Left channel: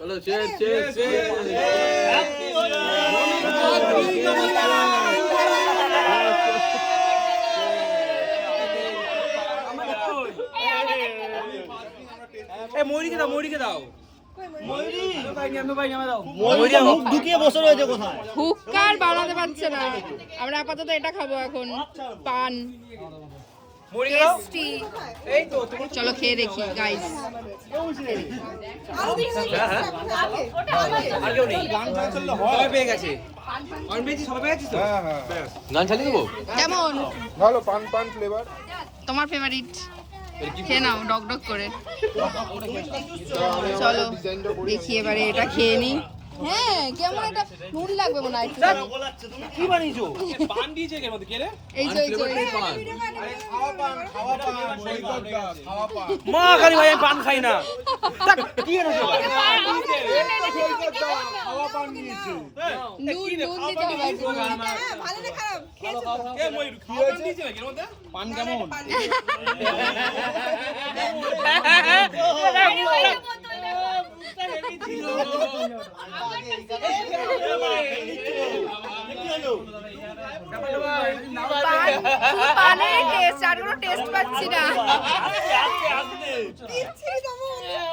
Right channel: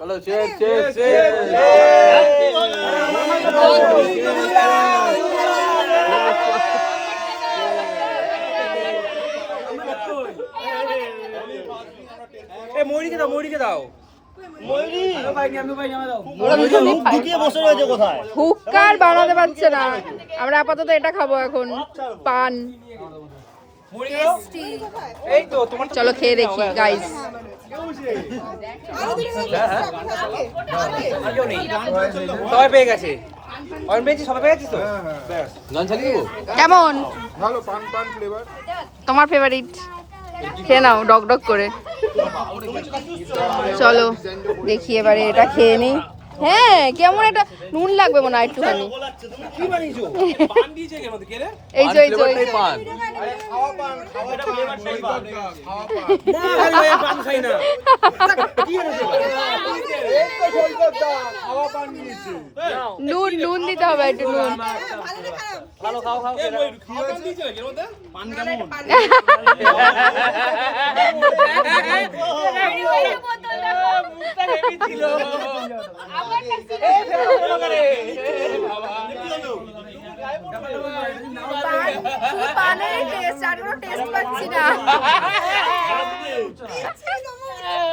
চলো cheers, cheers, cheers. ময়ূরীকে দাও, ময়ূরীকে দাও। হুক্কার বানাতে পারছে না। আমরা আপাতত এটা খাবো এখন, পান। টেস্টি। চলো খেয়ে দেখি গাইস। আগেও নেই, সবাই পেয়ে গেছে। অরেঞ্জ পেয়েছি, সবাই পেয়ে গেছিস তো? গান চালিয়ে দেবো? কেমন? ভালো পান পান ফ্লেভার। তোমার ফেভারিট? খেয়ে নাও ডক ডক করে। চলো দেখি এবারে এটা খেয়ে নিই। হ্যাঁ কেমন একটা নুন লাগবে মনে হয় একটুখানি। কি বানিয়েছো? পান দিয়েছে এর মধ্যে, কে রে? এই তো এই তো এই ফ্লেভারটাই তো। পান। মা খালি ভাই পান খাই না। কি এনেছো? নুন নুন দিতে হবে একটু নুন। এ ময়ূর, খাওয়া পান দিয়েছে নাকি এর মধ্যে? পান কেমন? পানের টেস্ট আর কোনো টেস্ট পাচ্ছি না।